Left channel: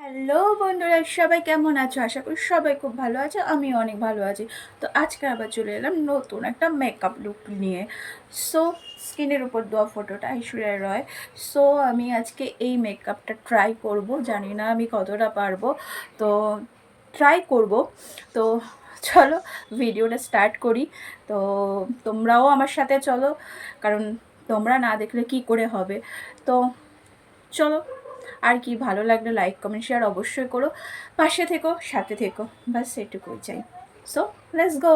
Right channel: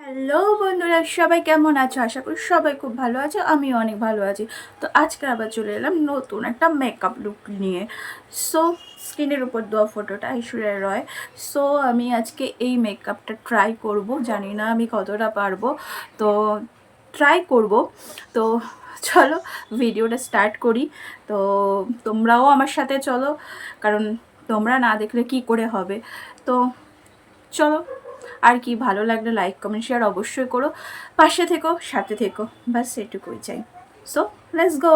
Hello বন্ধুরা, সবাই কেমন আছো? আশা করি সবাই খুব ভালো আছো, আমিও অনেক ভালো আছি। তো আজকে আবার চলে এলাম নতুন একটা মেকআপ লুক নিয়ে। সো স্ক্রিনের উপর দেওয়া ফটোটা ঐশ্বরিয়া রয়। সো আমি আজকে এই মেকআপটা ট্রাই করব, জানি না আমি কতটা পারবো, তো ট্রাই করব। তো চলো ভিডিওটা স্টার্ট করি। তো তোমরাও আমার সাথে চলো, কারণ তোমরা না দেখলে কি করে হবে। তো চলো, আর কি ভালো লাগলে লাইক কমেন্ট শেয়ার অবশ্যই করো, পাশে থেকো, সাথে থেকো, বাস এটুকুই চাই। So let's go.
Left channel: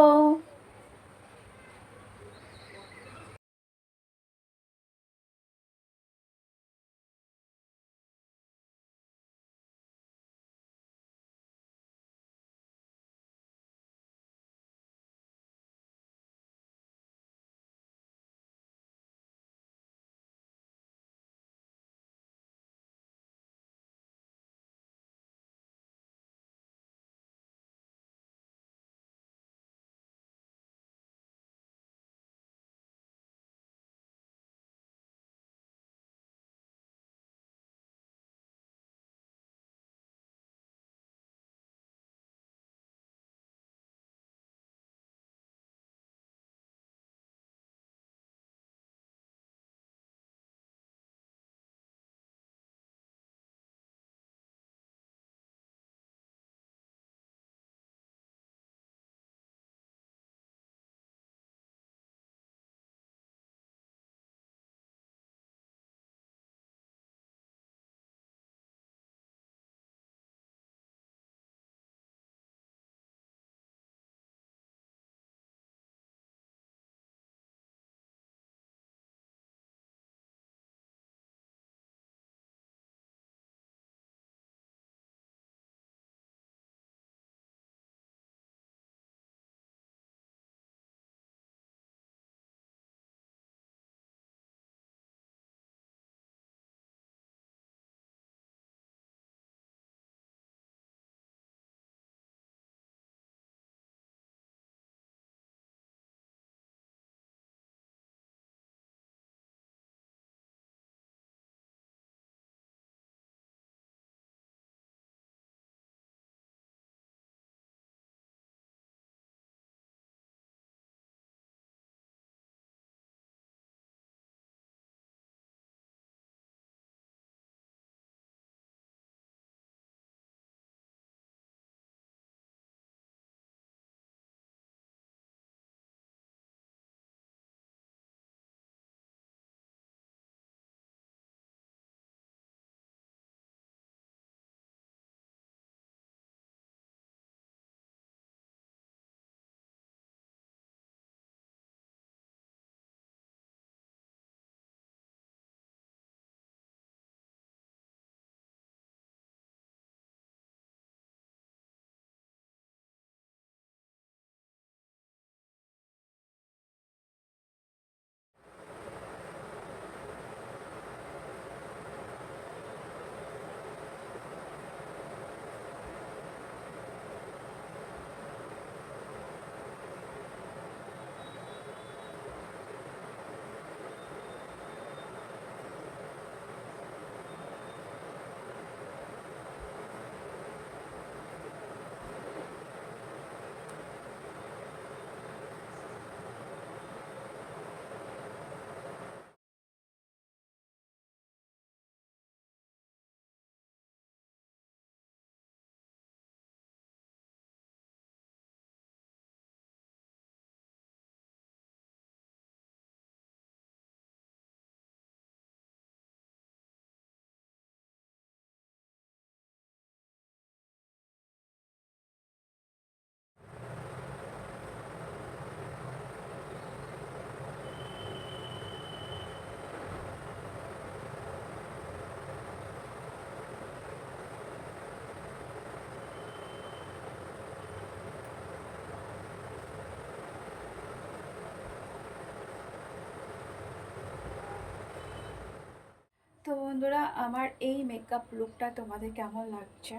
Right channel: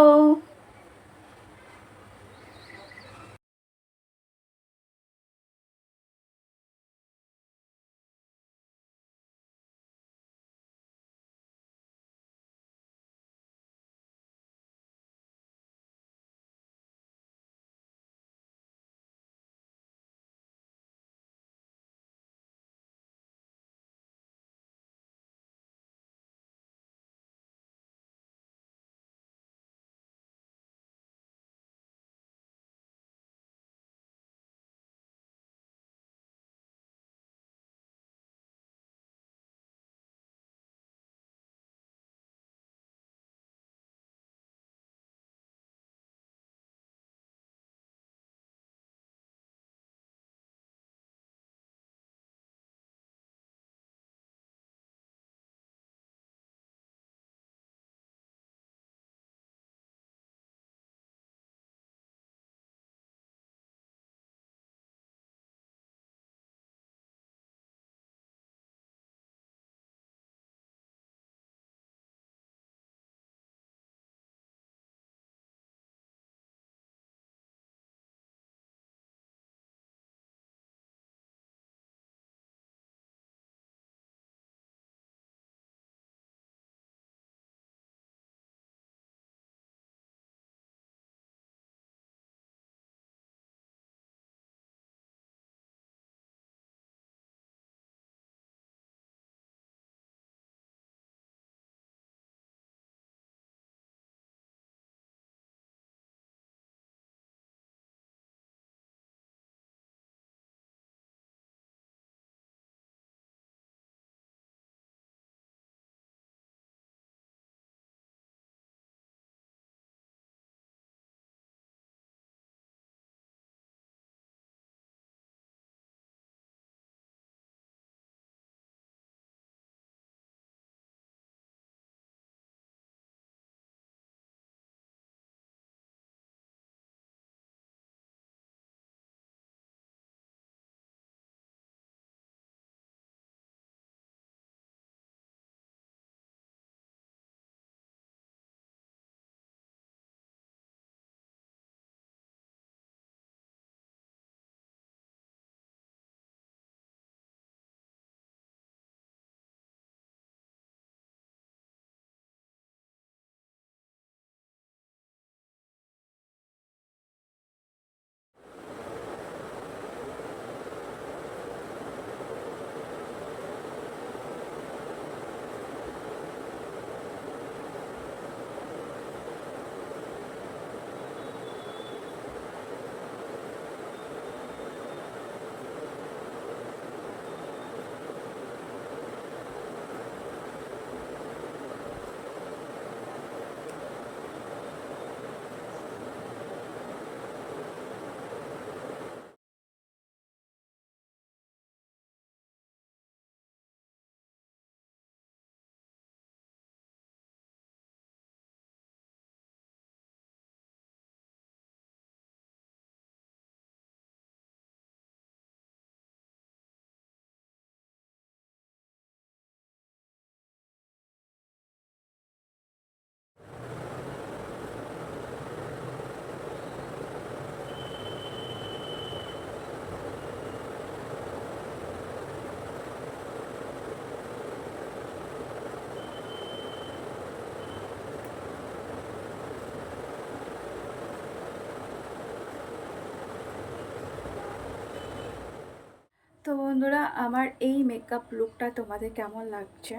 তো বন্ধুরা, আমার এই মেকআপ লুকটা তোমাদের কেমন লাগছে,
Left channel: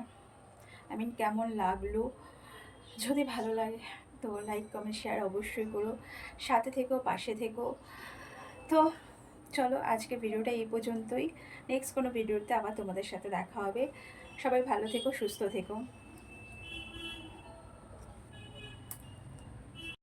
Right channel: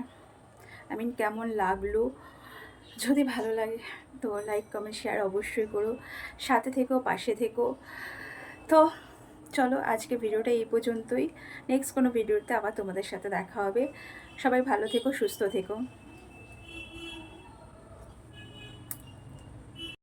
কেমন লাগলো? যদি ভালো লাগে তো লাইক কমেন্ট শেয়ার অবশ্যই করো, সাথে থেকো, পাশে থেকো। তো চলো আজকে ভিডিওটা এই পর্যন্তই। নেক্সট কোনো ভিডিওতে আবার তোমাদের সাথে দেখা হবে। সবাই ভালো থেকো, সুস্থ থেকো।